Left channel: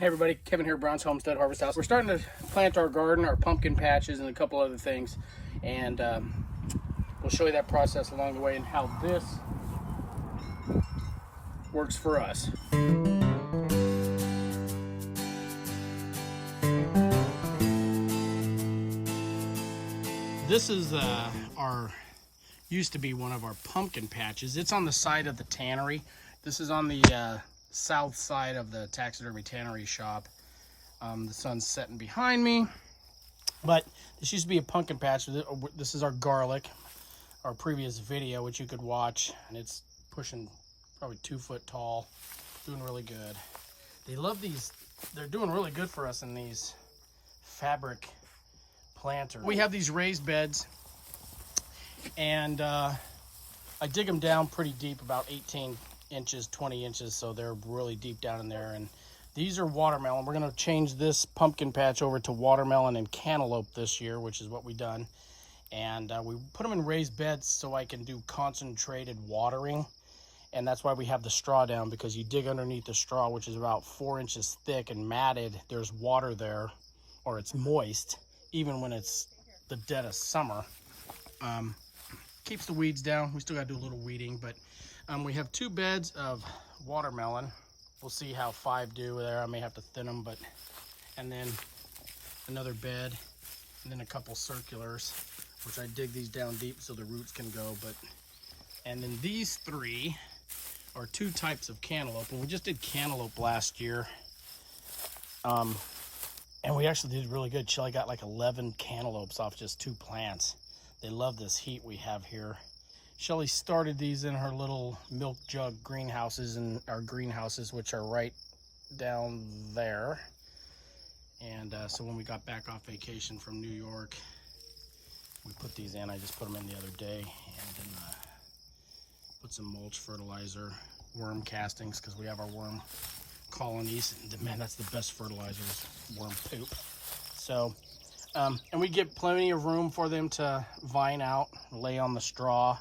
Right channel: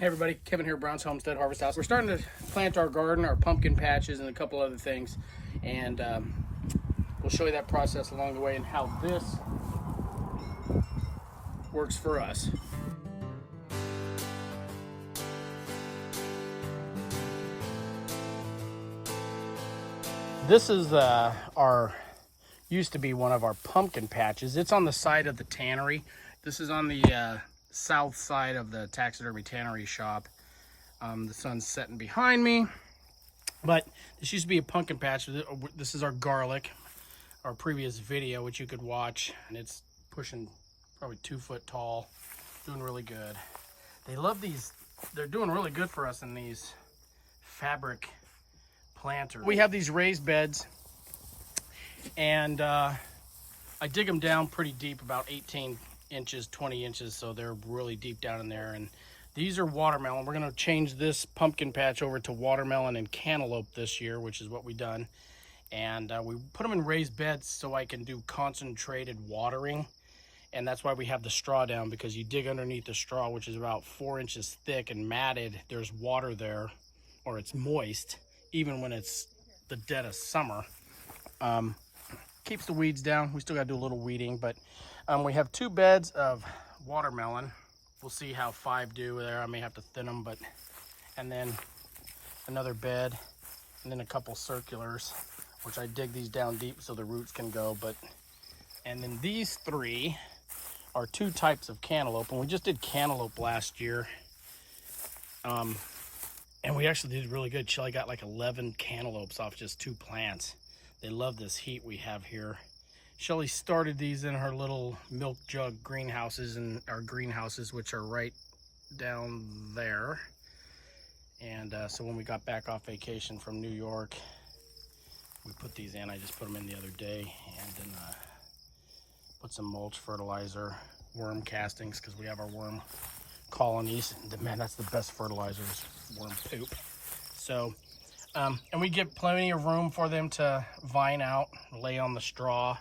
Hey everybody, Kevin here, Brown's Homestead Harvest House. We're starting to plant our garden, our pumpkin patches, and a couple other things. And we'll show you that process along the way and how this works for us. This is used to be one of our pumpkin patches. It's on the side of the tannery. This is on the south side of the taxidermy tannery shop. The sun's setting behind me, but this used to be a pumpkin patch. This is our garlic, our previous video, which you could watch, and it's pushing probably 2 foot tall, doing really good. They love these. They're doing really good for us in these fabric planters. We have these raised beds, and I dig them down pretty deep, about 18 inches, 20 inches, so they're really deep down in there. And these are watermelon. We're going to change this pumpkin patch over to watermelon and cantaloupe this year, which is what we've done. And we put them in raised beds so I can do concentrated watering. And that's why we have the straw down, because you dig underneath the straw, which is about 4 inches thick and matted, there's water there, or it's moist, even when it's the dead of summer. Keeps the weeds down. We still got to do a little weeding, but we have 2 beds of watermelon. We'll see how 5 do there. I may have to thin them, but, and then another bed, and then a couple circulars, which I dig these down deep so the roots can go. But, and then these 3 are 2 types of cantaloupe, and we just did cantaloupe last year. And we actually did really good. Shelly got like 11 cantaloupes off just 2 plants. They love this heat we have here. Shelly started these in her little milk jug greenhouses, and our greenhouses, which are right down there. And so when we got back off vacation from New York, we put these in. I just put them in the other day, and then put some mulch, fertilizer, worm castings, because we have our worm colonies. And man, that's the best fertilizer, is worm poop. So, and we get plenty of room for them to vine out, lay on the straw.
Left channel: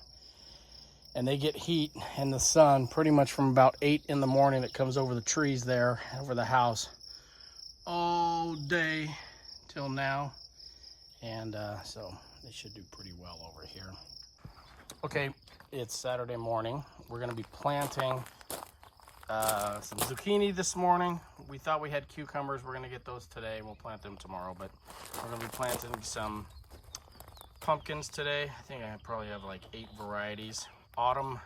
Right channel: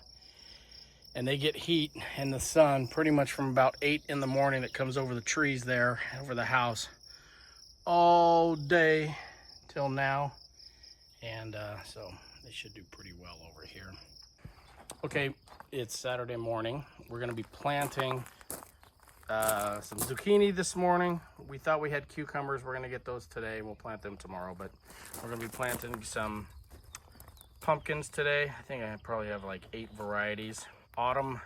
And they get heat in the sun pretty much from about 8 in the morning. It comes over the trees there, over the house, all day till now. And so they should do pretty well over here. Okay, it's Saturday morning. We're gonna be planting some zucchini this morning. We thought we had cucumbers. We're gonna get those today. We'll plant them tomorrow, but we're gonna be planting some pumpkins today. I think I probably have like 8 varieties. Autumn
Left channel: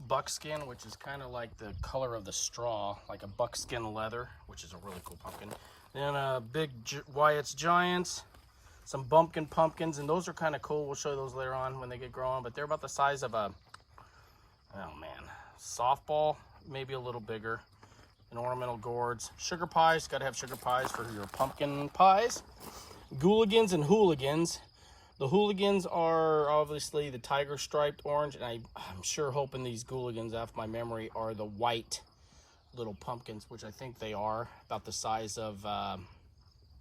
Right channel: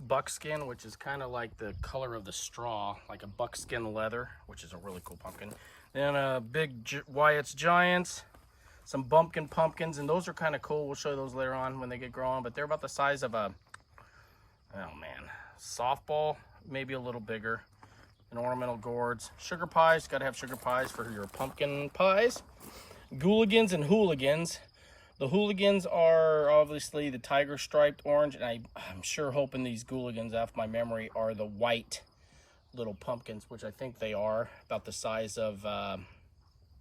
buckskin, which is kind of like the color of the straw, like a buckskin leather, which is a really cool pumpkin. Then a big Wyatt's Giants, some bumpkin pumpkins, and those are kind of cool. We'll show you those later on when they get growing, but they're about the size of a, oh man, softball, maybe a little bigger. And ornamental gourds. Sugar pies, got to have sugar pies for your pumpkin pies. Gooligans and hooligans. The hooligans are obviously the tiger striped orange, and I'm sure hoping these gooligans, off my memory, are the white little pumpkins, which I think they are, about the size of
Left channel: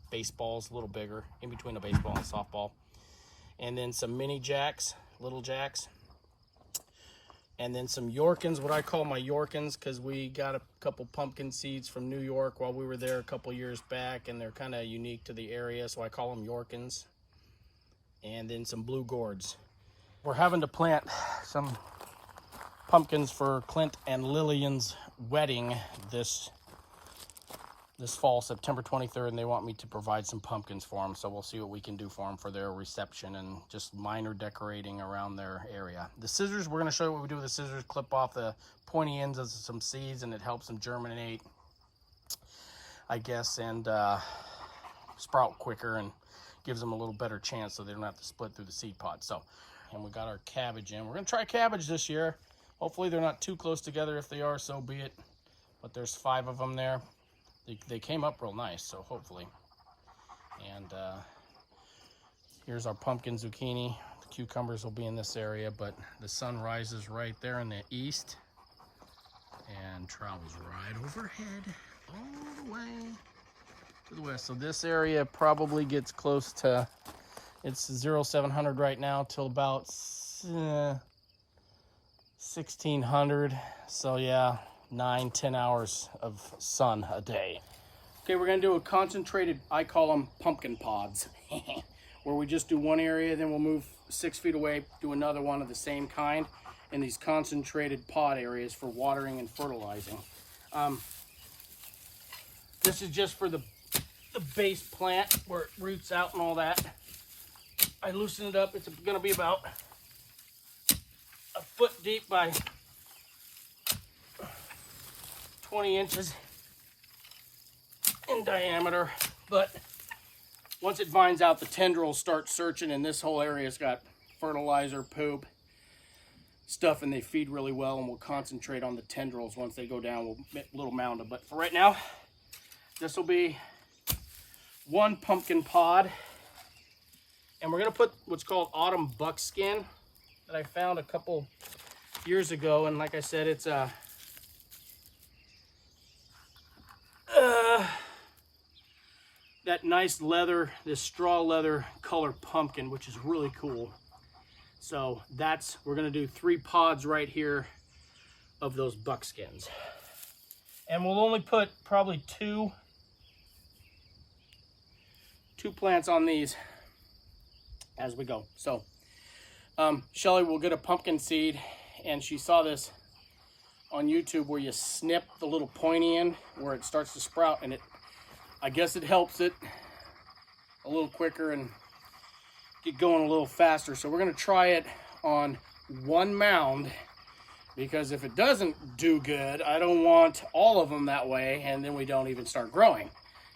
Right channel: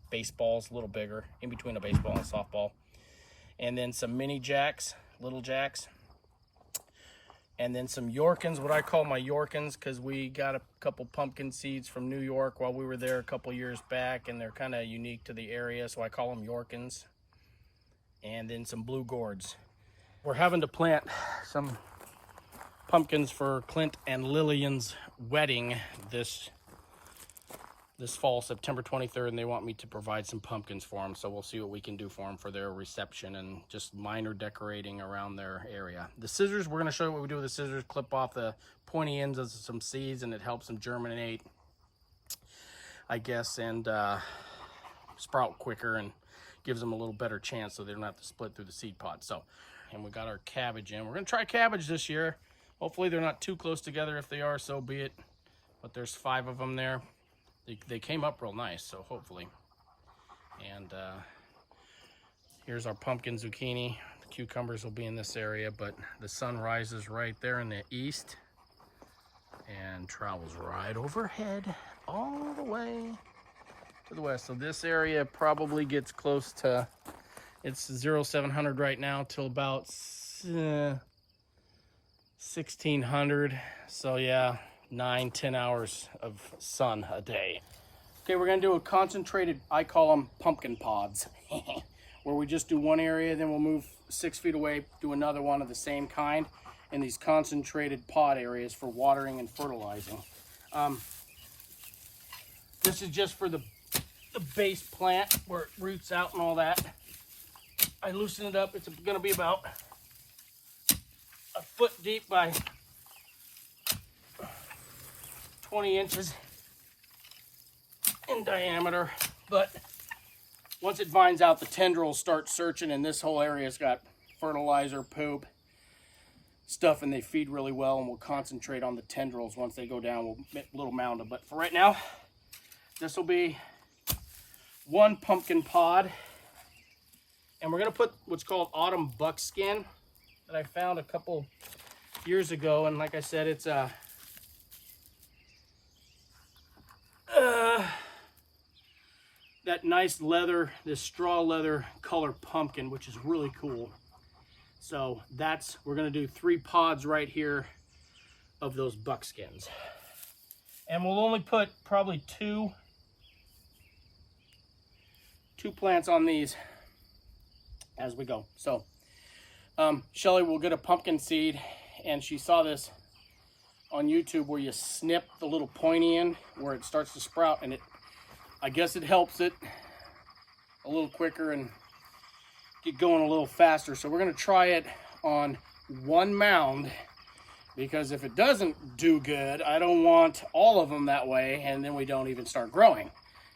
baseballs, a little bigger, in between a baseball and a softball. And then some mini jacks, little jacks. And then some Yorkins, what I call my Yorkins, because we got a couple pumpkin seeds from New York while we were there a couple years back, and they're kind of unique to the area, so I call them Yorkins. And then some blue gourds. We're having to plant some pumpkins for Clint and Lillian's wedding this fall, September 23rd, and they want me to provide some pumpkins for them, so we'll see what we can do for them for their reception and just minor decorating around their area. The scissors, we're going to show you what we do with the scissors. Clip off the pointy ends of some seeds, and it helps them germinate, I guess, and sprout quicker, and gives them a little better chance so they don't have to split through the seed pod. So, and we got our cabbage in. We're gonna try cabbage this year. Hopefully they're not too close together. If they are, so be it. But there's 5 of them there. They came up real nice, so hopefully. And here's our pumpkin zucchini. The cucumbers will be in this area, but the sun rises right there in the east and travels right overhead all the way to the west. So this area probably gets close to, it's 0700 right now till about 1600. So yeah, 9-10 hours of sun a day. Okay, we're gonna do a concentrated, I call them pumpkin pods, where we just do one area, then we'll move 6 feet away, do another one of the same kind in these concentrated pod areas for watering and fertilizing. This is just for the base plant where it roots out and all that. I loosen it up. It's gonna be about a foot deep by 20 inches in diameter, but once it vines out, the tendrils start searching, and this whole area's got fertilizer, poop, stuff, and they feed really well, and we'll concentrate on the tendrils. Once they go down, we'll make a little mound of, but for right now, this will be one pumpkin pod, and we're gonna put what's called autumn buckskin that I found a couple years ago, and like I said, it's that nice leather, this straw leather color pumpkin, which is really cool. So we're gonna do 3 pods right here of those buckskins. And we'll only put probably two plants on these as we go. So Shelly will get a pumpkin seed, and she saw this on YouTube where you snip the little pointy end where it starts to sprout, and I guess it helps it a little quicker and get going a little faster. So we're gonna try it on one mound, because if it doesn't do good, I don't want all of them that way, and then we don't even start growing,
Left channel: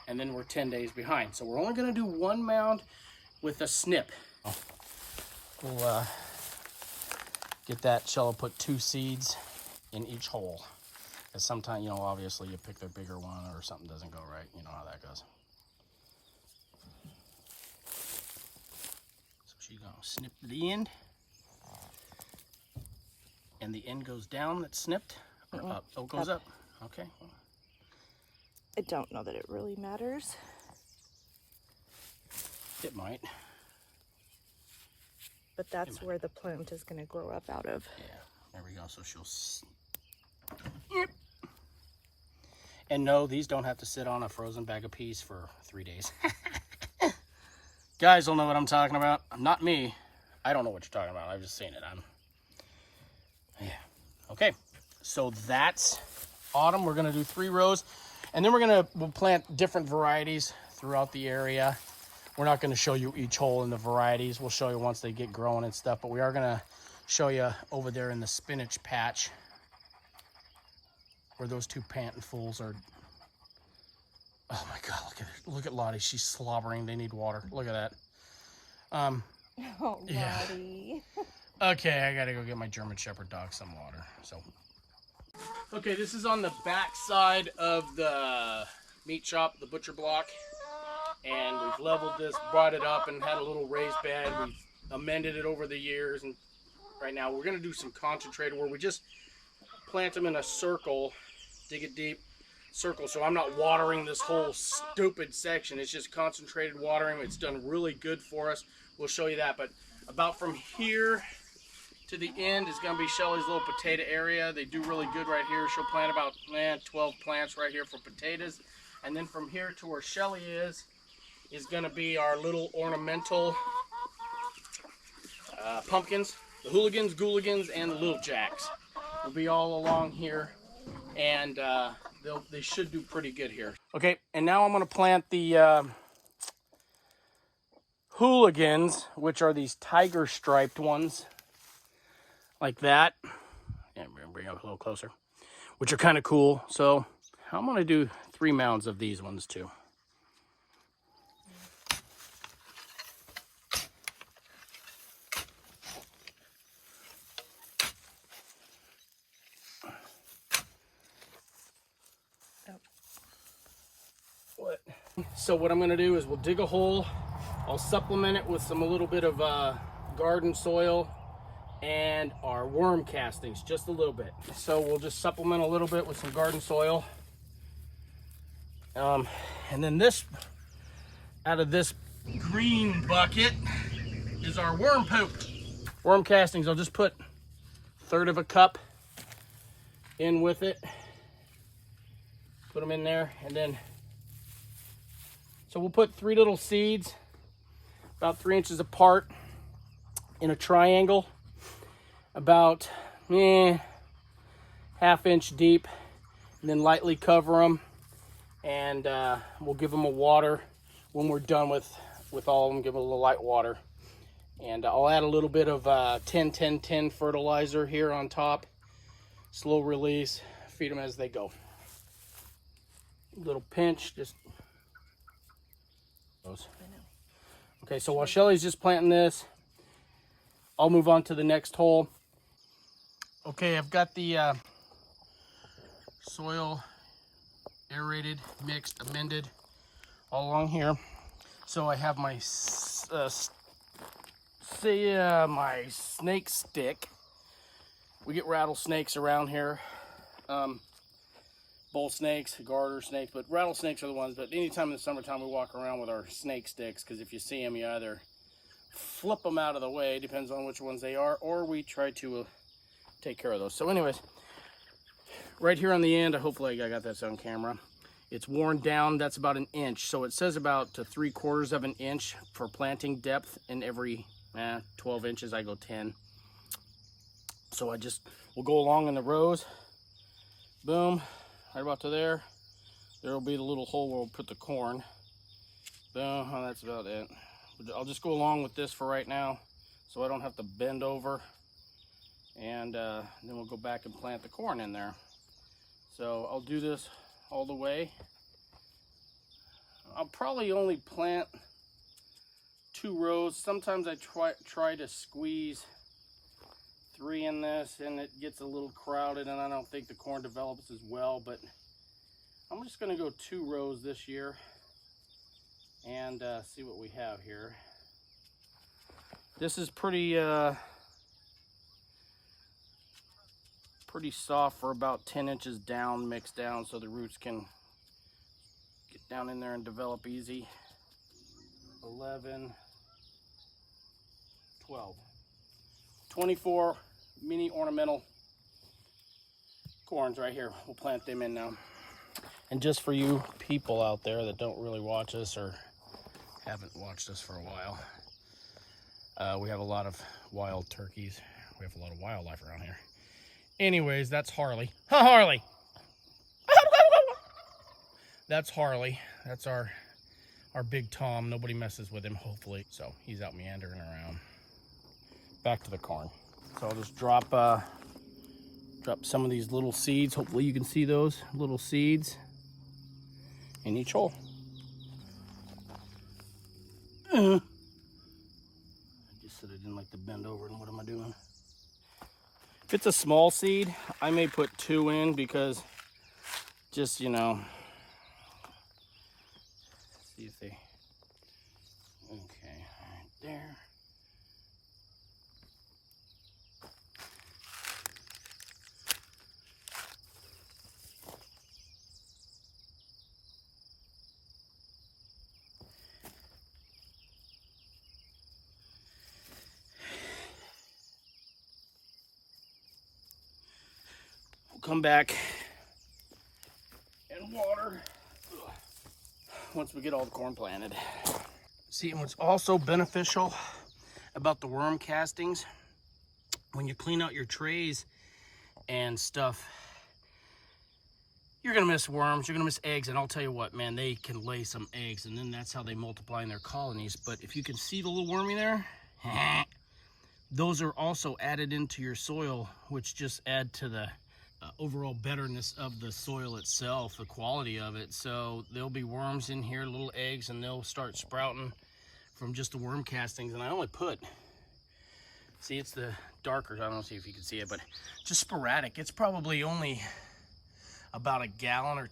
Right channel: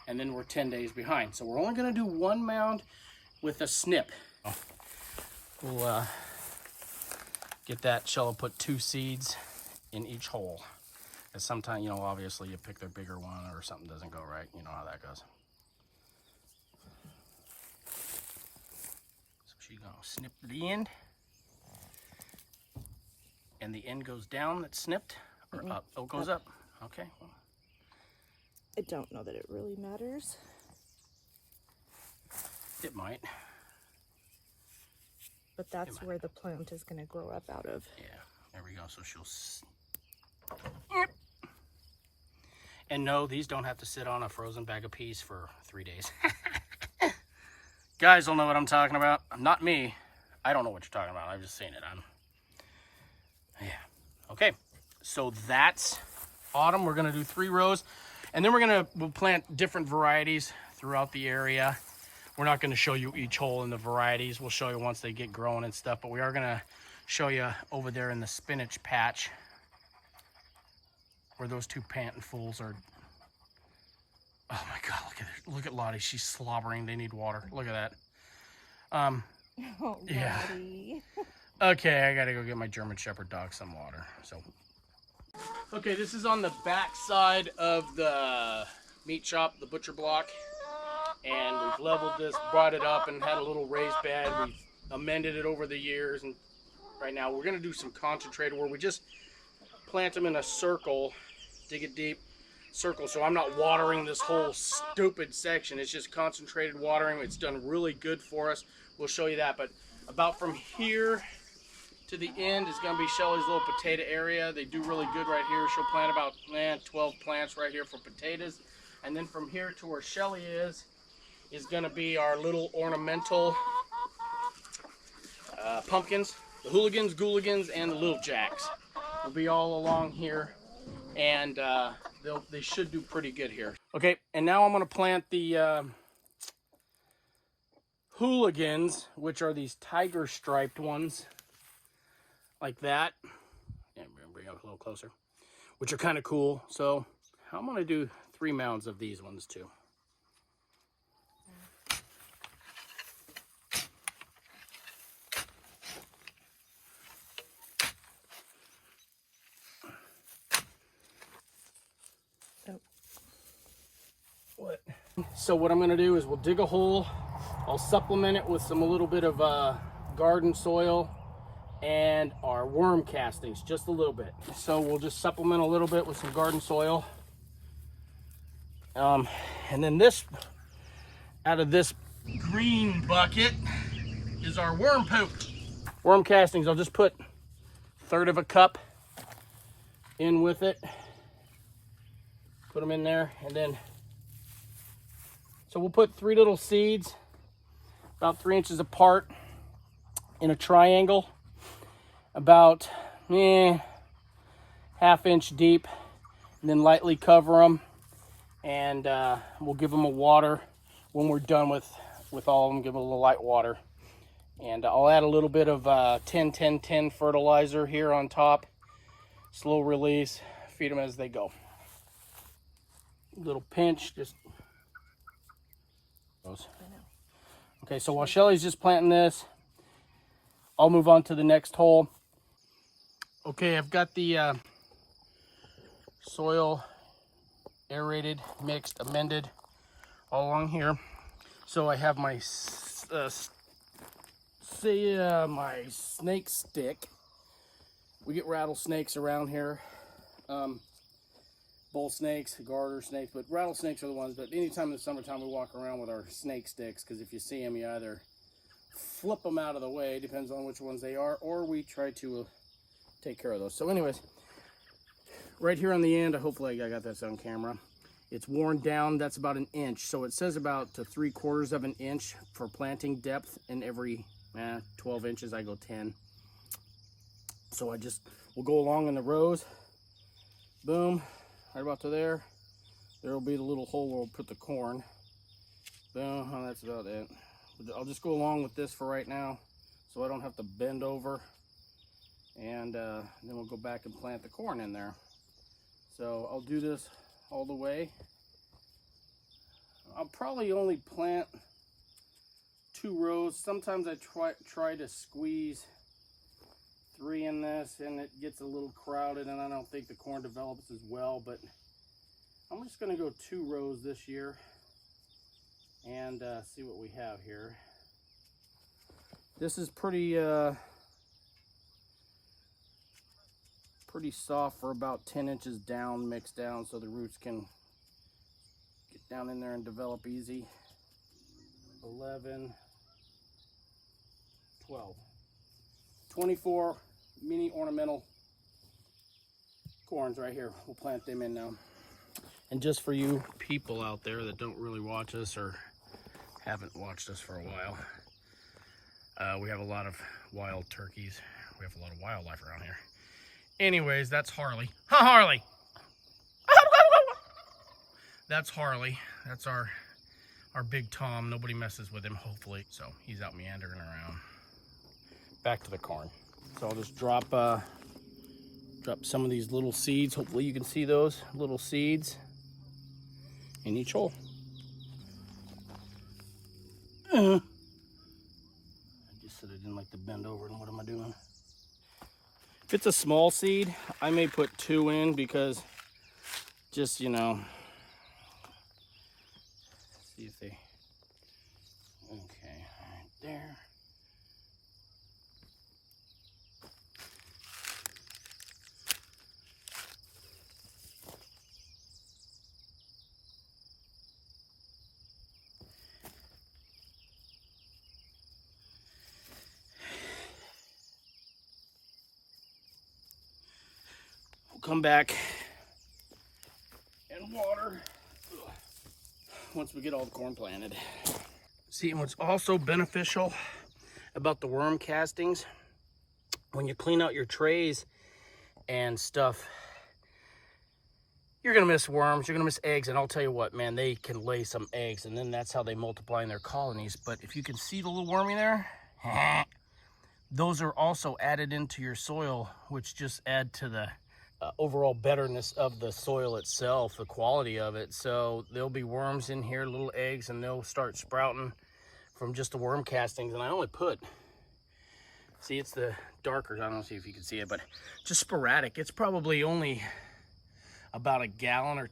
and then we're 10 days behind. So we're only gonna do one mound with a snip. We'll get that. Shell will put 2 seeds in each hole. Because sometimes, you know, obviously you pick the bigger one or something doesn't go right. You know how that goes. So she's gonna snip the end. And the end goes down that's snipped, or up? Oh, it goes up. Okay. I don't know that it really matters. It might. But that's where the plant is going to grow up out of. Yeah, there we go. So she'll... Yep. And no, these don't have to sit on a frozen bag of peas for 3 days. Guys will know what I'm talking about. Not me. I don't know what you're talking about. I've just seen it. Yeah. Okay. So that's autumn. We're going to do 3 rows. And then we'll plant different varieties throughout the area. We're not going to show you each hole in the varieties. We'll show you once they get growing and stuff. But we are going to show you over there in the spinach patch where those 2 panting fools are. Oh my God, look at it. Look at Lottie. She's slobbering. They need water. Look at that. Oh, yeah. Okay, I got to go get my German Shepherd dog some water. So, okay, this is on the back side of the meat shop, the butcher block. And we've leveled this, brought it up, and had a little raised bed. We've amended it over the years, and right now we're going to do some concentrated where we just plant them in a circle, dig it deep, circle. So I'm not watering this whole stupid section. It's just concentrated watering. It's done really good for us. We'll show you that. But about from here to the end is going to be Shelly's little potato area. They do really good right here. She'll plant about 12 plants right here for potatoes. And then from here to where Shelly is going to be our little ornamental pumpkins, the hooligans, gooligans, and the little jacks. Will be all along here, and they should do pretty good here. Okay, and now I'm going to plant the hooligans, which are these tiger striped ones, like that. And we're going to bring it up a little closer, which are kind of cool. So I'm going to do 3 mounds of these ones too. So what I'm going to do is we'll dig a hole. I'll supplement it with a little bit of garden soil and our worm castings, just a little bit. So we'll just supplement a little bit with some garden soil. And then this, out of this green bucket, is our worm poop. Worm castings, I'll just put 1/3 of a cup in with it. Put them in there, and then, so we'll put 3 little seeds, about 3 inches apart, in a triangle, about ½ inch deep, and then lightly cover them, and we'll give them a water when we're done with all of them. Give them a little light water, and I'll add a little bit of 10-10-10 fertilizer here on top. Slow release, feed them as they go. Little pinch, just those. Okay, so while Shelly's just planting this, I'll move on to the next hole. Okay, I've got the soil aerated, mixed, amended all along here. So I have my my snake stick. We get rattlesnakes around here. Bull snakes, garter snakes, but rattlesnakes are the ones. But anytime in the summertime we walk around with our snake sticks, because if you see them, you either flip them out of the way, depends on which ones they are, or we try to take care of those. So anyways, right here on the end, hopefully I got this on camera, it's worn down. That's about 1 inch. So it says about 3/4 of an inch for planting depth, and every 12 inches I go 10. So we'll go along in the rows. Boom, right about to there. There will be the little hole where we'll put the corn. Boom, that's about it. I'll just go along with this for right now, so I don't have to bend over. And then we'll go back and plant the corn in there. So I'll do this all the way. I'll probably only plant 2 rows. Sometimes I try to squeeze 3 in this, and it gets a little crowded, and I don't think the corn develops as well. But I'm just going to go 2 rows this year and see what we have here. This is pretty soft for about 10 inches down, mixed down, so the roots can get down in there and develop easy. 11, 12, 24 mini ornamental corns right here. We'll plant them in now. And just for you people out there that don't really watch us or haven't watched us for a while, we have a lot of wild turkeys. We have a lot of wildlife around here. Anyways, that's Harley. Ha, Harley! That's Harley. That's our big Tom. Nobody messes with him, hopefully. So he's out meandering around. Back to the corn. So I'll just drop some of these little seeds. Hopefully you can see those little seeds in each hole. I just said I didn't like to bend over, and what am I doing? If it's a small seed, I may put 2 in, because just, you know, see if they, okay, right there. Come back and water once we get all the corn planted. See, and what's also beneficial about the worm castings, when you clean out your trays and stuff, you're gonna miss worms, you're gonna miss eggs, and I'll tell you what, man, they can lay some eggs, and then that's how they multiply in their colonies. But if you can see the little wormy there, those are also added into your soil, which just add to the overall betterness of the soil itself, the quality of it. So there'll be worms in here, little eggs, and they'll start sprouting from just the worm castings. And I only put, see, it's the darker, I don't know, see if you can see it, but just sporadic. It's probably only about a gallon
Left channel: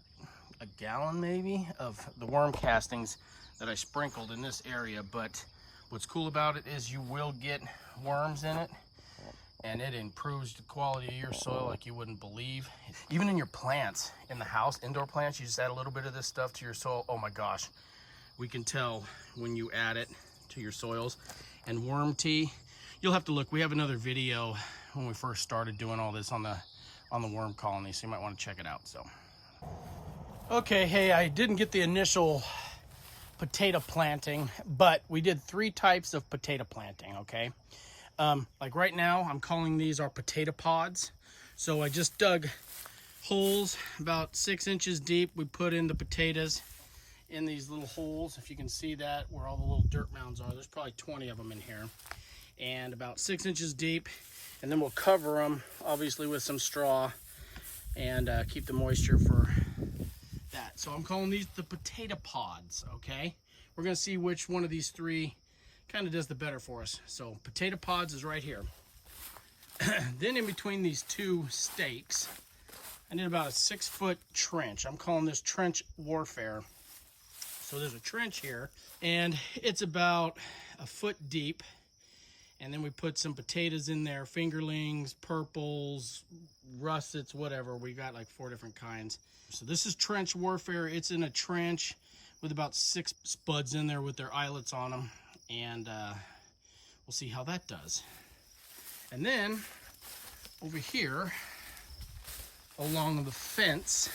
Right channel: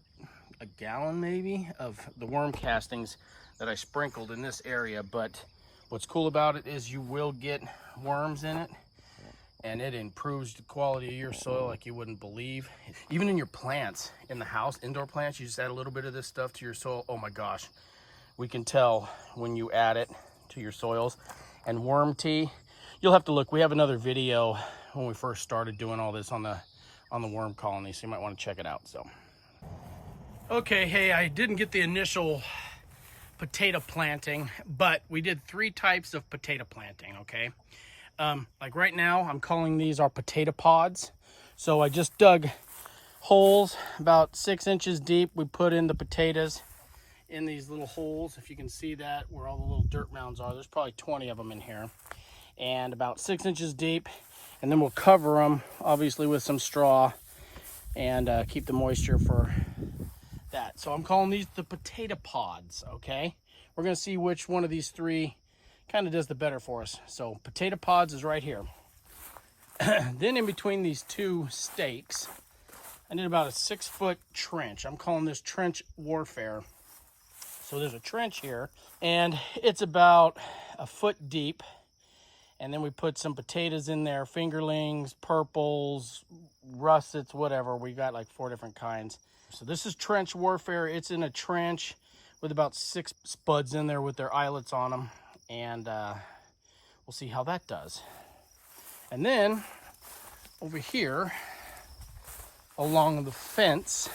maybe of the worm castings that I sprinkled in this area. But what's cool about it is you will get worms in it, and it improves the quality of your soil like you wouldn't believe. Even in your plants in the house, indoor plants, you just add a little bit of this stuff to your soil. Oh my gosh, we can tell when you add it to your soils. And worm tea, you'll have to look. We have another video when we first started doing all this on the worm colony, so you might want to check it out. So Okay, hey, I didn't get the initial potato planting, but we did 3 types of potato planting, okay? Like right now, I'm calling these our potato pods. So I just dug holes about 6 inches deep. We put in the potatoes in these little holes. If you can see that, where all the little dirt mounds are, there's probably 20 of them in here. And about 6 inches deep. And then we'll cover them, obviously, with some straw and keep the moisture for that. So I'm calling these the potato pods, okay? We're gonna see which one of these 3 kind of does the better for us. So potato pods is right here. Then in between these 2 stakes, I did about a 6-foot trench. I'm calling this trench warfare. So there's a trench here, and it's about a foot deep. And then we put some potatoes in there, fingerlings, purples, russets, whatever. We got like 4 different kinds. So this is trench warfare. It's in a trench with about 6 spuds in there with their eyelets on them. And we'll see how that does. And then over here, along the fence,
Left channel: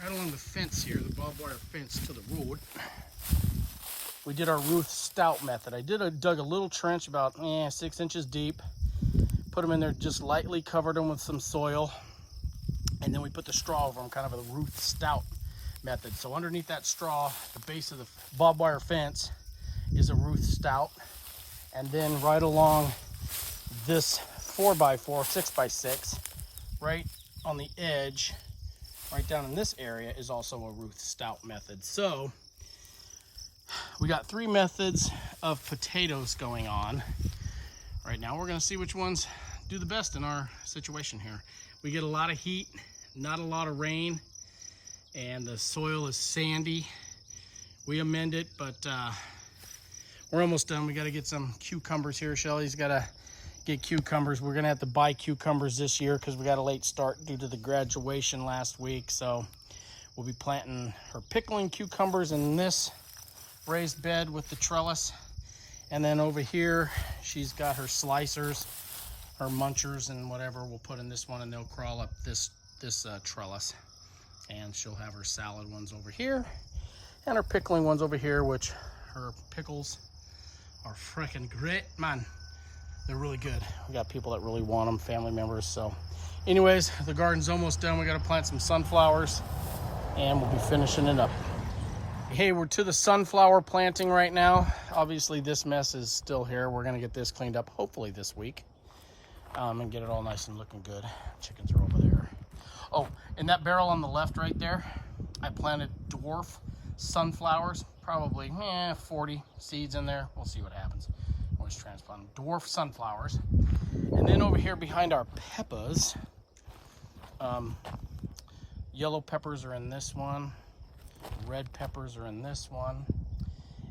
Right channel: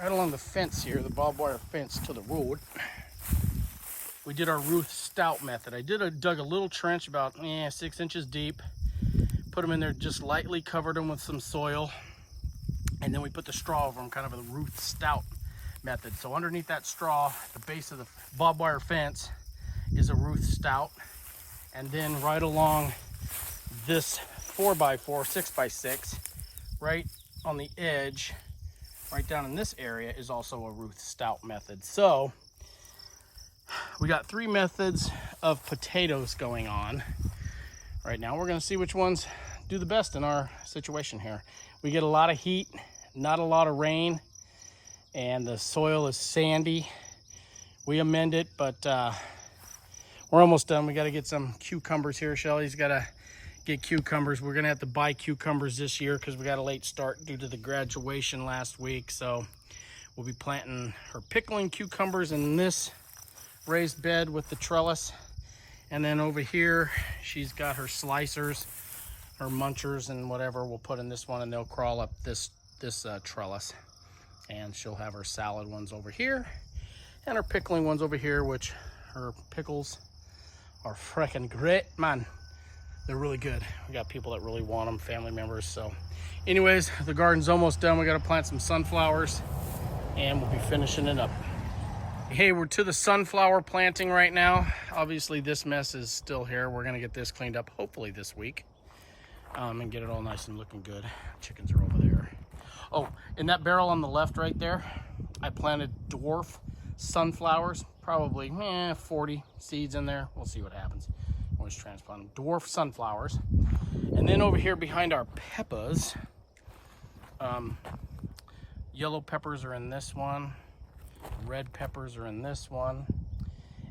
right along the fence here, the barbed wire fence to the road, we did our Ruth Stout method. I dug a little trench about 6 inches deep, put them in there just lightly, covered them with some soil, and then we put the straw over them, kind of a Ruth Stout method. So underneath that straw, the base of the barbed wire fence is a Ruth Stout, and then right along this 4x4, 6x6, right on the edge, right down in this area, is also a Ruth Stout method. So we got 3 methods of potatoes going on right now. We're going to see which ones do the best in our situation here. We get a lot of heat, not a lot of rain, and the soil is sandy. We amend it, but we're almost done. We got to get some cucumbers here. Shelly's got to get cucumbers. We're going to have to buy cucumbers this year because we got a late start due to the graduation last week. So we'll be planting her pickling cucumbers in this raised bed with the trellis, and then over here she's got her slicers, her munchers, and whatever we'll put in this one, and they'll crawl up this trellis. And she'll have her salad ones over here and her pickling ones over here, which her pickles are freaking great, man. They're really good. We got people that really want them, family members. So anyways, the garden's almost done. We got to plant some sunflowers and we'll be finishing it up. Hey, we're to the sunflower planting right now. Obviously this mess is still here. We're gonna get this cleaned up hopefully this week and get it all nice and looking good. Chickens are over there. Oh, in that barrel on the left right there, I planted dwarf sunflowers, probably 40 seeds in there. We'll see what happens. Always transplant them. Dwarf sunflowers. And then over here behind our peppers, yellow peppers are in this one. Red peppers are in this one.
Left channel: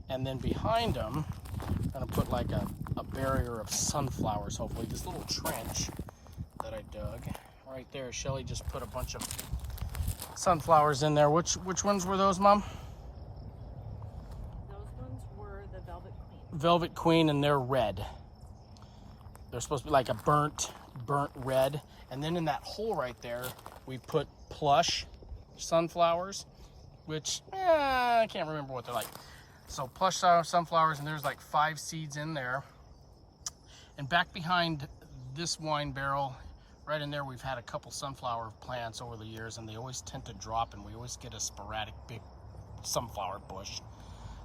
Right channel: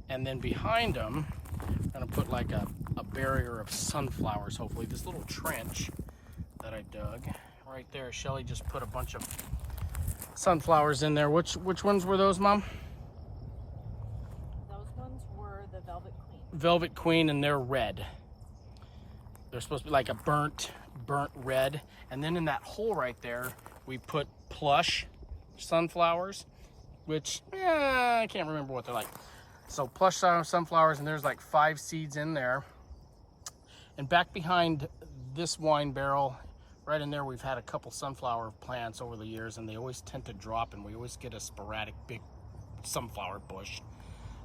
And then behind them, I'm gonna put like a barrier of sunflowers, hopefully. This little trench that I dug right there. Shelly just put a bunch of sunflowers in there. Which ones were those, Mom? Those ones were the Velvet Queen. Velvet Queen, and they're red. They're supposed to be like a burnt red. And then in that hole right there, we put plush sunflowers, which I can't remember what they're like. So plush sunflowers, and there's like 5 seeds in there. And back behind this wine barrel, right in there, we've had a couple sunflower plants over the years, and they always tend to drop, and we always get a sporadic big sunflower bush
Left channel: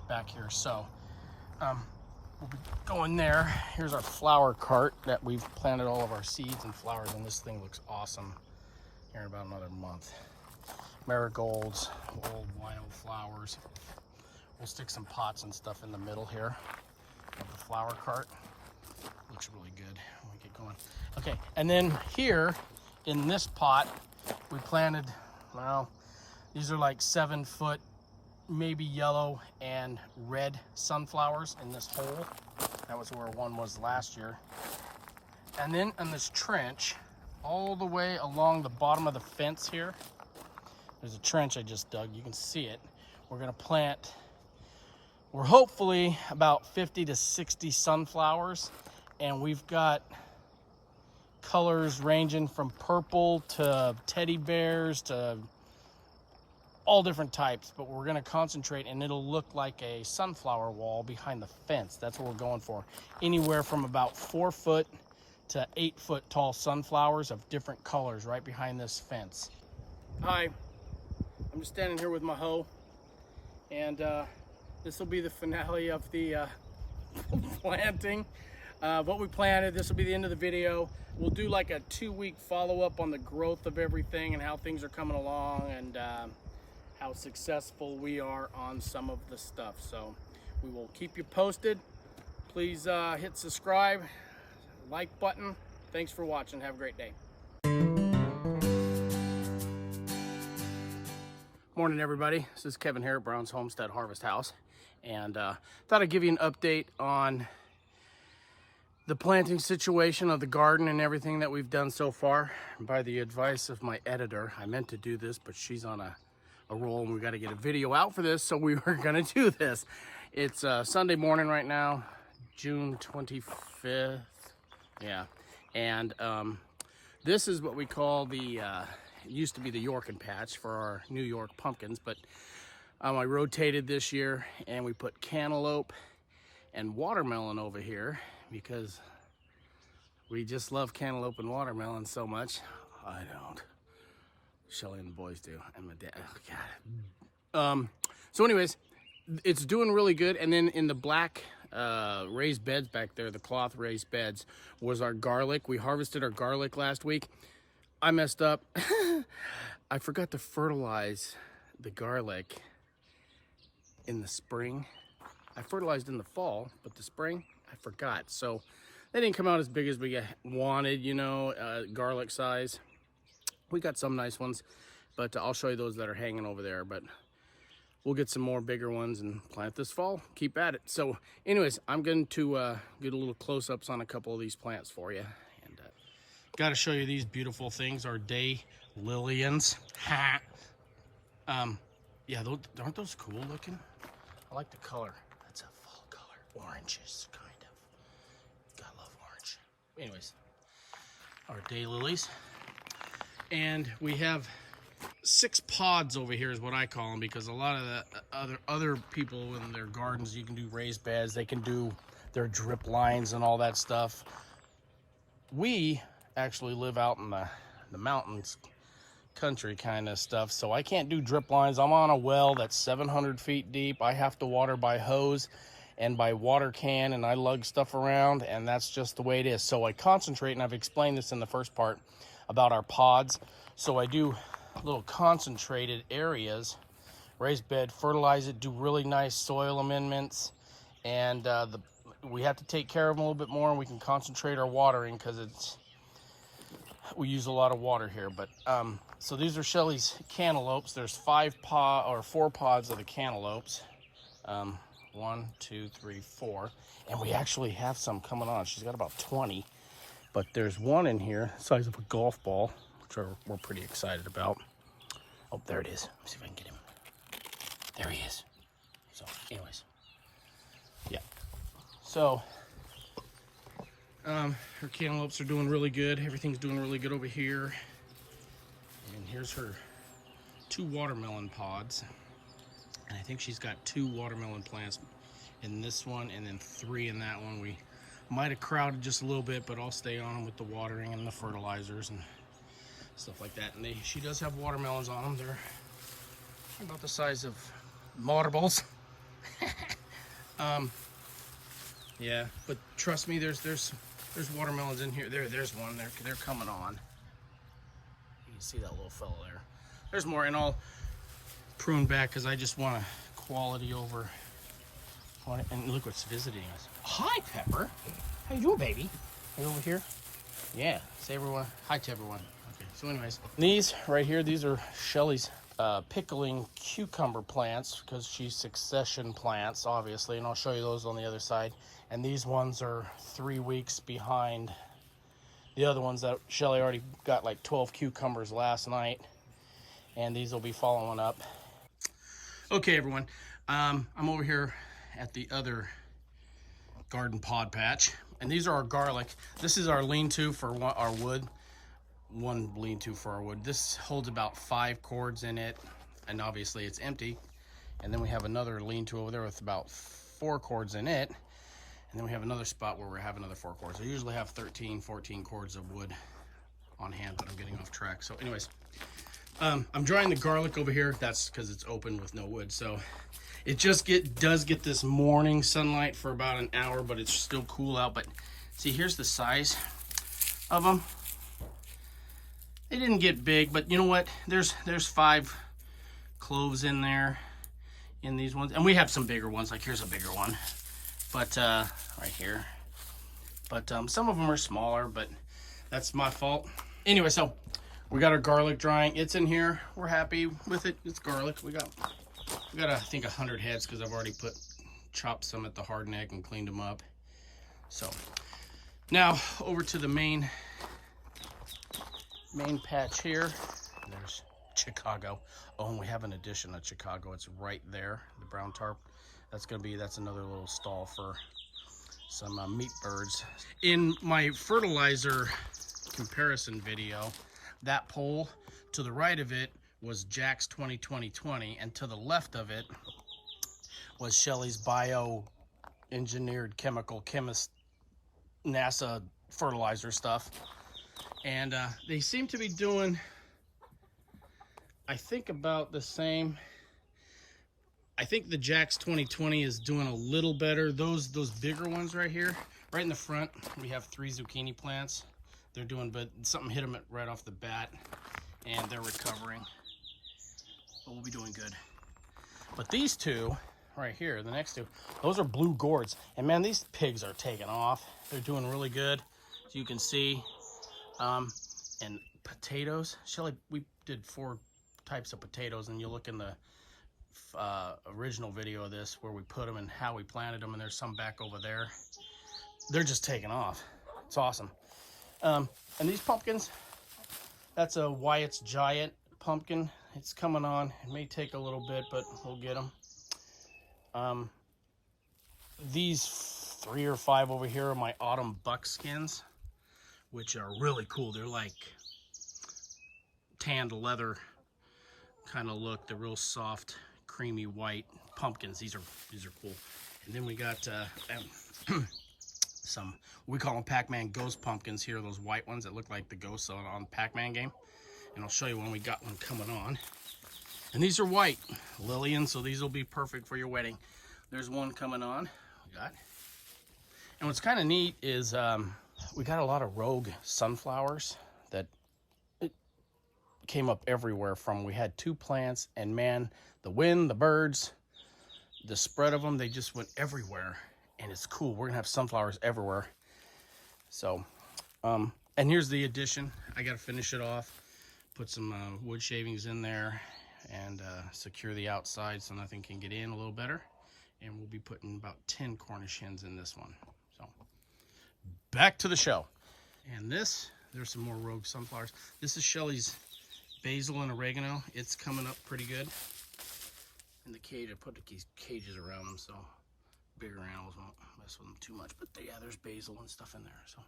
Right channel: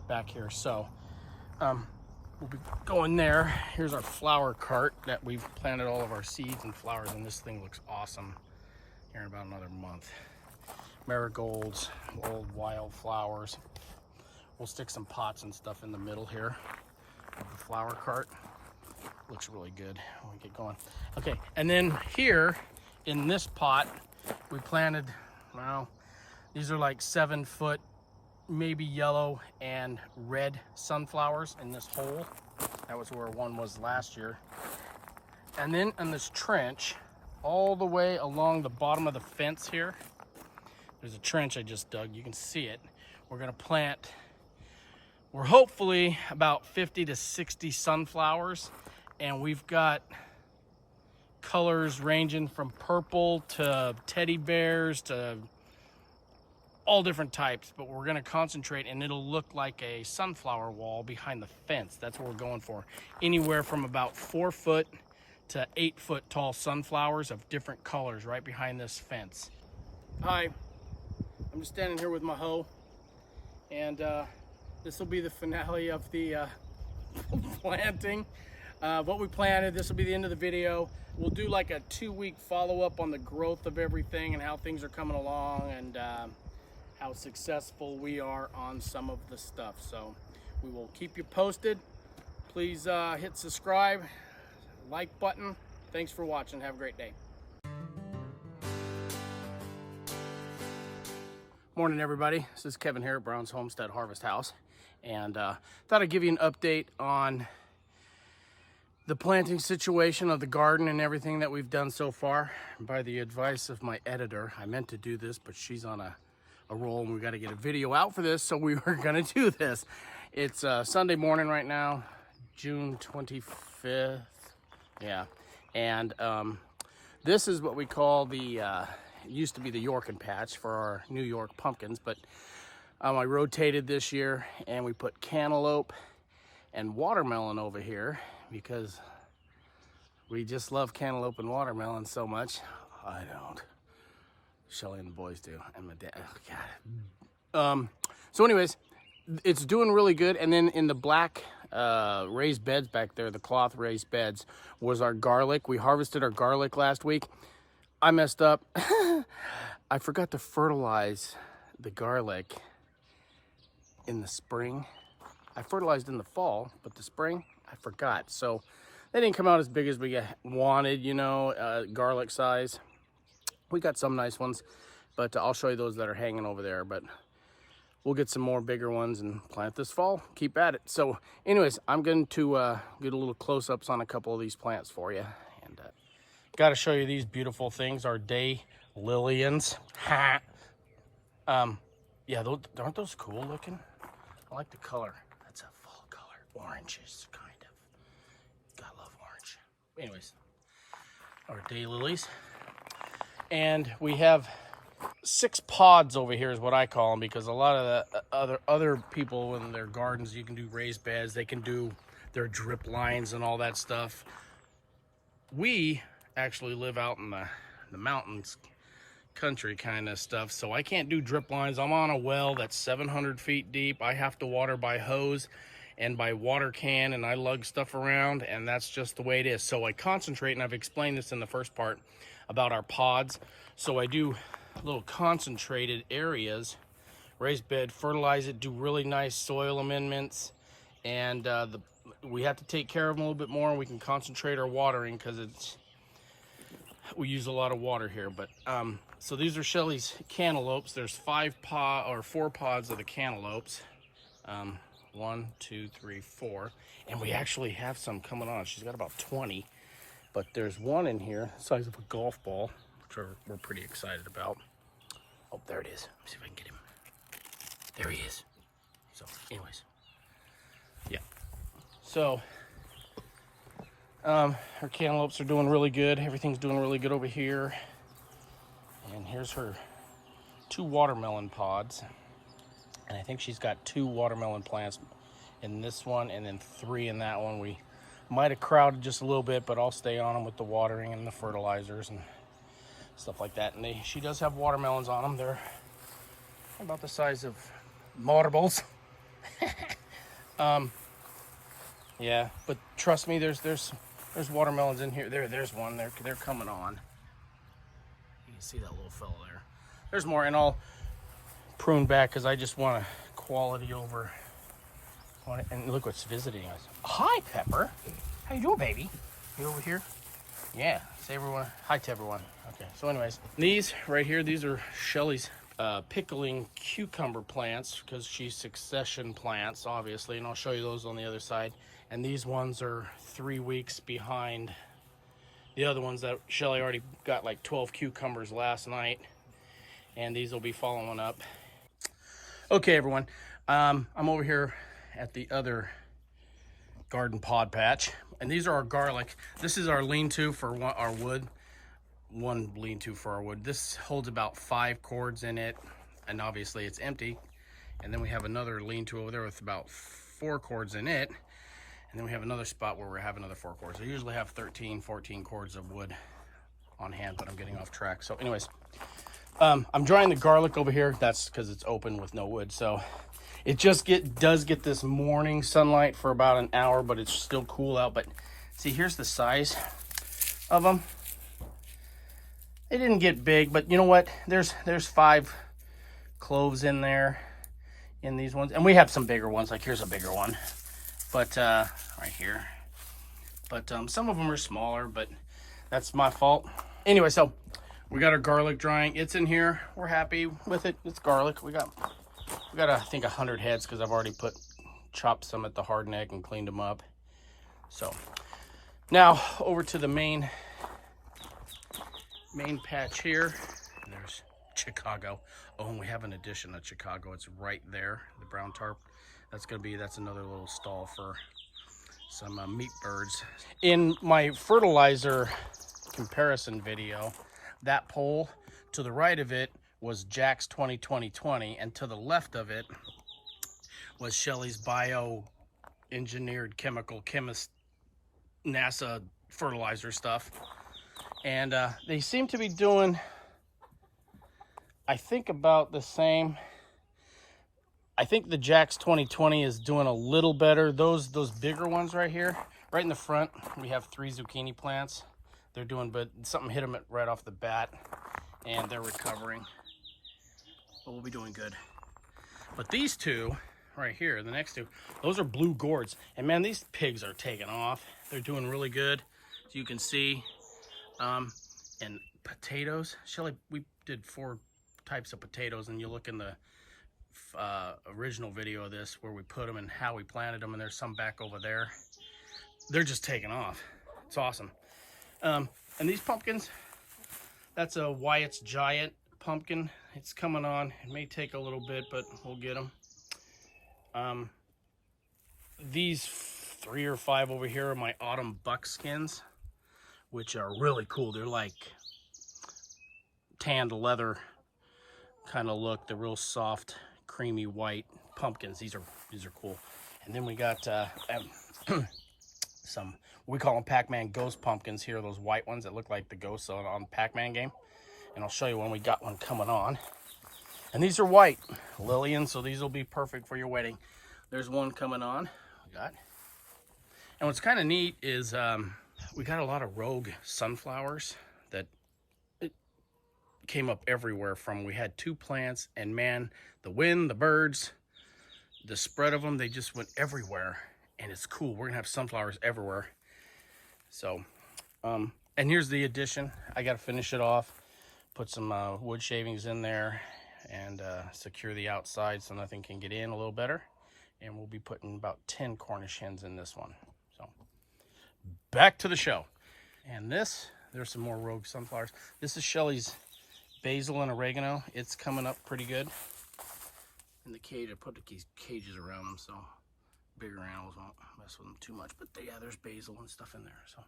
back here. So we'll be going there. Here's our flower cart that we've planted all of our seeds and flowers, and this thing looks awesome here in about another month. Marigolds, old wild flowers. We'll stick some pots and stuff in the middle here of the flower cart. Looks really good when we get going. Okay, and then here in this pot, we planted, well, these are like 7-foot, maybe yellow and red sunflowers in this hole. That was where one was last year. And then in this trench, all the way along the bottom of the fence here, there's a trench I just dug. You can see it. We're gonna plant, we're hopefully about 50 to 60 sunflowers, and we've got colors ranging from purple to teddy bears to all different types, but we're gonna concentrate, and it'll look like a sunflower wall behind the fence. That's what we're going for. Anywhere from about 4 foot to 8 foot tall sunflowers of different colors right behind this fence. Hi, I'm just standing here with my hoe, and this will be the finale of the planting. What we planted, this will be the end of the video. We'll do like a 2-week follow-up on the growth of everything and how things are coming along, and how successful we are on some of the stuff. So we will keep you posted. Please hit subscribe, like button. Thanks for watching. Have a great day. Morning, everybody. This is Kevin here at Brown's Homestead Harvest House, and thought I'd give you an update on the planting situation of the garden and everything that we've done so far. By the advice of my editor, I meant to do this, but she's on a roll, and we got to get a video out for this, so we were going to do this. It's Sunday morning right now, June 25th. Yeah, and this is what we call the it used to be the Yorkin patch for our New York pumpkins, but I rotated this year, and we put cantaloupe and watermelon over here because we just love cantaloupe and watermelon so much. I don't. Shelly and the boys do, and my dad. Oh, God. So anyways, it's doing really good. And then in the black raised beds back there, the cloth raised beds, was our garlic. We harvested our garlic last week. I messed up. I forgot to fertilize the garlic in the spring. I fertilized in the fall, but the spring, I forgot. So they didn't come out as big as we wanted, you know, garlic size. We got some nice ones, but I'll show you those that are hanging over there. But we'll get some more bigger ones and plant this fall. Keep at it. So anyways, I'm going to get a little close-ups on a couple of these plants for you. And got to show you these beautiful things, our day lilians. Ha! Yeah, aren't those cool looking? I like the color. That's a fall color. Oranges, kind of. Gotta love orange. Anyways, our day lilies. And we have 6 pods over here is what I call them, because a lot of the other people in their gardens, you can do raised beds, they can do their drip lines and all that stuff. We actually live out in the mountains country kind of stuff, so I can't do drip lines. I'm on a well that's 700 feet deep. I have to water by hose and by water can, and I lug stuff around, and that's just the way it is. So I concentrate, and I've explained this in the first part about our pods. So I do little concentrated areas, raised bed, fertilize it, do really nice soil amendments, and we have to take care of them a little bit more, and we can concentrate our watering because we use a lot of water here. But so these are Shelly's cantaloupes. There's 4 pods of the cantaloupes. 1, 2, 3, 4, and we actually have some coming on. She's got about 20. But there's one in here, the size of a golf ball, which we're pretty excited about. Oh, there it is. Let's see if I can get him. There he is. So, anyways. Yeah. So, her cantaloupes are doing really good. Everything's doing really good over here. And here's her 2 watermelon pods. And I think she's got 2 watermelon plants in this one, and then 3 in that one. We might have crowded just a little bit, but I'll stay on them with the watering and the fertilizers and stuff like that. And she does have watermelons on them. They're about the size of marbles. Yeah, but trust me, there's watermelons in here. There's one. They're coming on. You can see that little fellow there. There's more, and I'll prune back because I just want quality over. And look what's visiting us. Hi, Pepper. How you doing, baby? You over here? Yeah. Say everyone. Hi to everyone. Okay. So anyways, these right here, these are Shelly's pickling cucumber plants, because she's succession plants, obviously, and I'll show you those on the other side. And these ones are 3 weeks behind the other ones that Shelly already got like 12 cucumbers last night, and these will be following up. Okay, everyone. I'm over here at the other garden pod patch, and these are our garlic. This is our lean-to for our wood. One lean-to for our wood. This holds about 5 cords in it. and obviously it's empty. And then we have another lean-to over there with about 4 cords in it. And then we have another spot where we have another 4 cords. I usually have 13, 14 cords of wood on hand, but I'm getting off track. So anyways, I'm drying the garlic over here. That's because it's open with no wood. So it just does get this morning sunlight for about an hour, but it's still cool out. But see, here's the size of them. They didn't get big, but you know what? There's 5 cloves in there in these ones. And we have some bigger ones, like here's a bigger one. But right here. But some of them are smaller, but that's my fault. Anyway, so we got our garlic drying. It's in here. We're happy with it. It's garlic. We got I think 100 heads because I've already chopped some at the hard neck and cleaned them up. So now over to the main patch here. There's Chicago. Oh, and we have an addition of Chicago. It's right there, the brown tarp. That's another little stall for some meat birds. In my fertilizer comparison video, that pole to the right of it was Jack's 20-20-20, and to the left of it was Shelly's bio-engineered chemist NASA fertilizer stuff. And they seem to be doing, I think, about the same. I think the Jack's 20-20 is doing a little better. Those bigger ones right here, right in the front, we have 3 zucchini plants. They're doing, but something hit them right off the bat, and they're recovering. But we'll be doing good. But these 2 right here, the next 2, those are blue gourds. And man, these pigs are taking off. They're doing really good, as you can see. And potatoes. Shelly, we did 4 types of potatoes, and you look in the original video of this where we put them and how we planted them, and there's some back over there. They're just taking off. It's awesome. And these pumpkins, that's a Wyatt's Giant pumpkin. It's coming on. It may take a little bit, but we'll get them. These 3 or 5 over here are my autumn buckskins, which are really cool. They're like tanned leather kind of look. They're real soft, creamy white pumpkins. These are cool. And then we got some, we call them Pac-Man ghost pumpkins here, those white ones that look like the ghosts on the Pac-Man game. And I'll show you when we got one coming on. And these are white Lillian, so these will be perfect for your wedding. There's one coming on. We got. And what's kind of neat is we got a lot of rogue sunflowers that came up everywhere from. We had 2 plants, and man, the wind, the birds, the spread of them, they just went everywhere. And it's cool. We're gonna have sunflowers everywhere. So, and here's the addition. I gotta finish it off, put some wood shavings in there, and secure the outside so nothing can get in a little better. And we'll be putting about 10 Cornish hens in this one. So, back to the show. And there's some more rogue sunflowers. This is Shelly's basil and oregano. It's coming up pretty good. In the cage, I put these cages around them so bigger animals won't mess with them too much. But yeah, there's basil and stuff in there. So,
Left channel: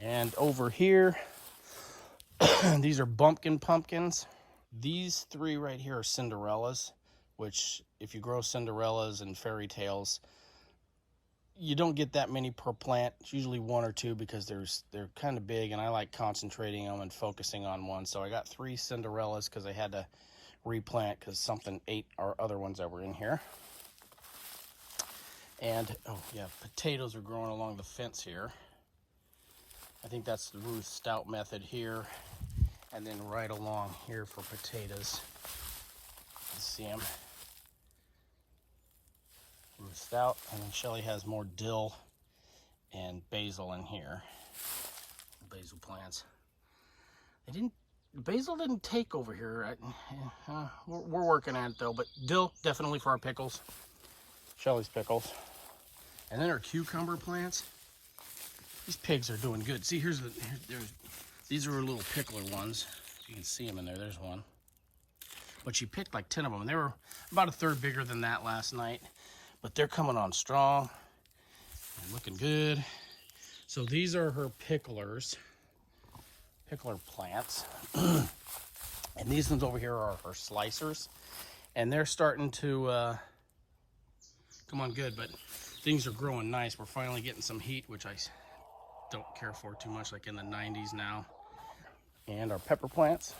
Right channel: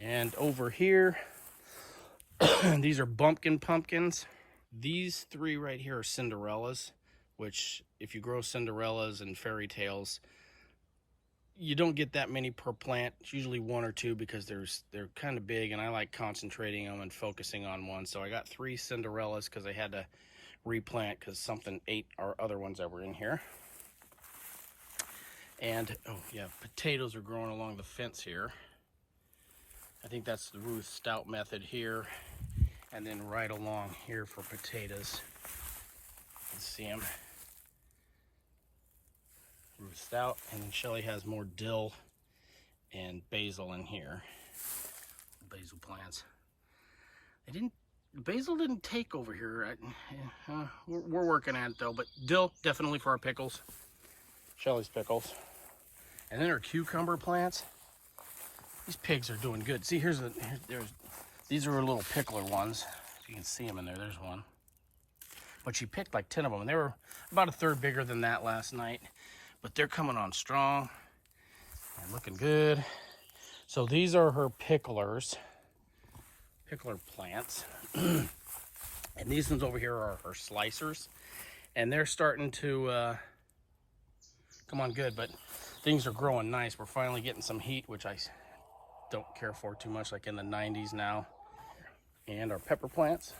and over here, these are bumpkin pumpkins. These 3 right here are Cinderellas, which if you grow Cinderellas and fairy tales, you don't get that many per plant. It's usually 1 or 2 because they're kind of big, and I like concentrating them and focusing on one. So I got 3 Cinderellas because I had to replant because something ate our other ones that were in here. And, oh yeah, potatoes are growing along the fence here. I think that's the Ruth Stout method here. And then right along here for potatoes. You can see them. Ruth Stout. And Shelly has more dill and basil in here. Basil plants. Basil didn't take over here. We're working at it though, but dill definitely for our pickles. Shelly's pickles. And then our cucumber plants. These pigs are doing good. See, these are her little pickler ones. If you can see them in there, there's one. But she picked like 10 of them. And they were about a third bigger than that last night. But they're coming on strong and looking good. So these are her pickler plants. And these ones over here are her slicers. And they're starting to come on good, but things are growing nice. We're finally getting some heat, which I don't care for too much, like in the 90s now. And our pepper plants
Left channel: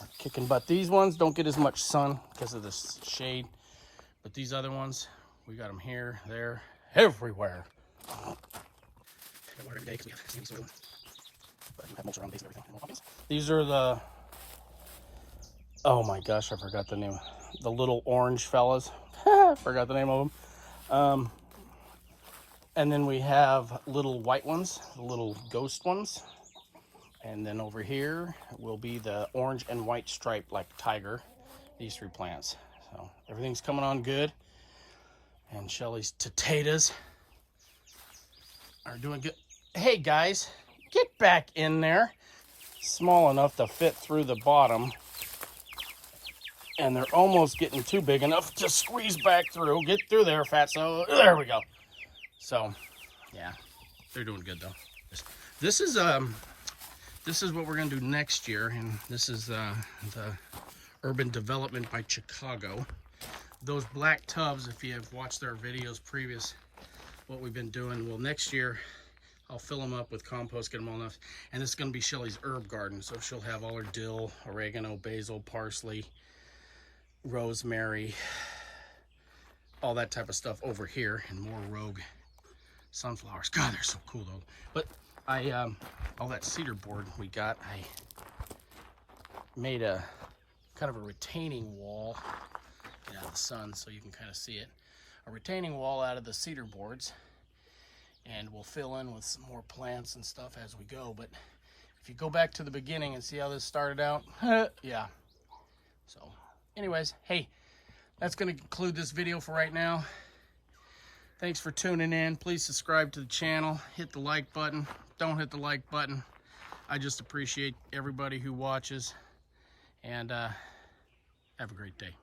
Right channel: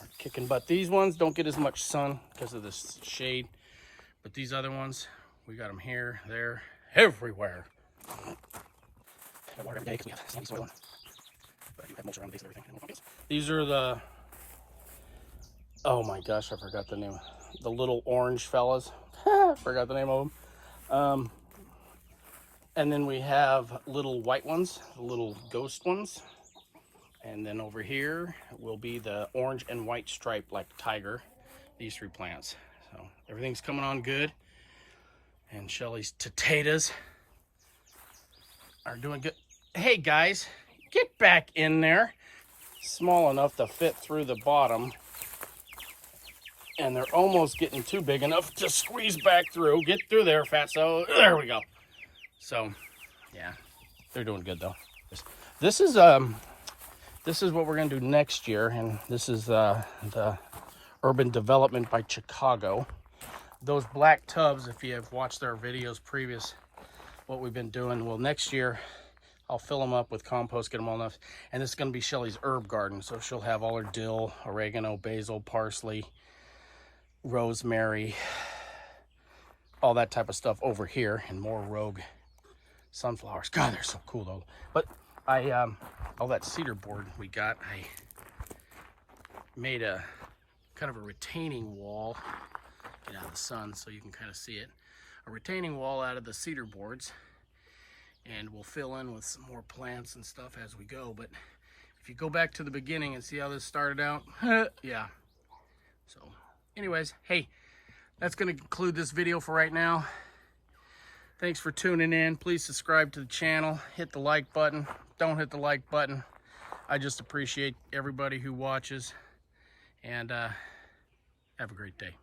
are kicking butt. These ones don't get as much sun because of this shade, but these other ones, we got them here, there, everywhere. These are the, oh my gosh, I forgot the name. The little orange fellas. Forgot the name of them. And then we have little white ones, the little ghost ones. And then over here will be the orange and white striped like tiger. These 3 plants. So everything's coming on good. And Shelly's potatoes are doing good. Hey guys, get back in there. Small enough to fit through the bottom. And they're almost getting too big enough to squeeze back through. Get through there, fatso. There we go. So, yeah, they're doing good though. This is what we're gonna do next year, and this is the urban development by Chicago. Those black tubs, if you have watched our videos previous, what we've been doing, well, next year I'll fill them up with compost, get them all enough, and this is gonna be Shelly's herb garden. So she'll have all her dill, oregano, basil, parsley, rosemary, all that type of stuff over here, and more rogue sunflowers. God, they're so cool though. But all that cedar board we got, I made a kind of a retaining wall. Get out of the sun so you can kind of see it. A retaining wall out of the cedar boards, and we'll fill in with some more plants and stuff as we go. But if you go back to the beginning and see how this started out, yeah. So anyways, hey, that's going to conclude this video for right now. Thanks for tuning in. Please subscribe to the channel. Hit the like button. Don't hit the like button. I just appreciate everybody who watches. And have a great day.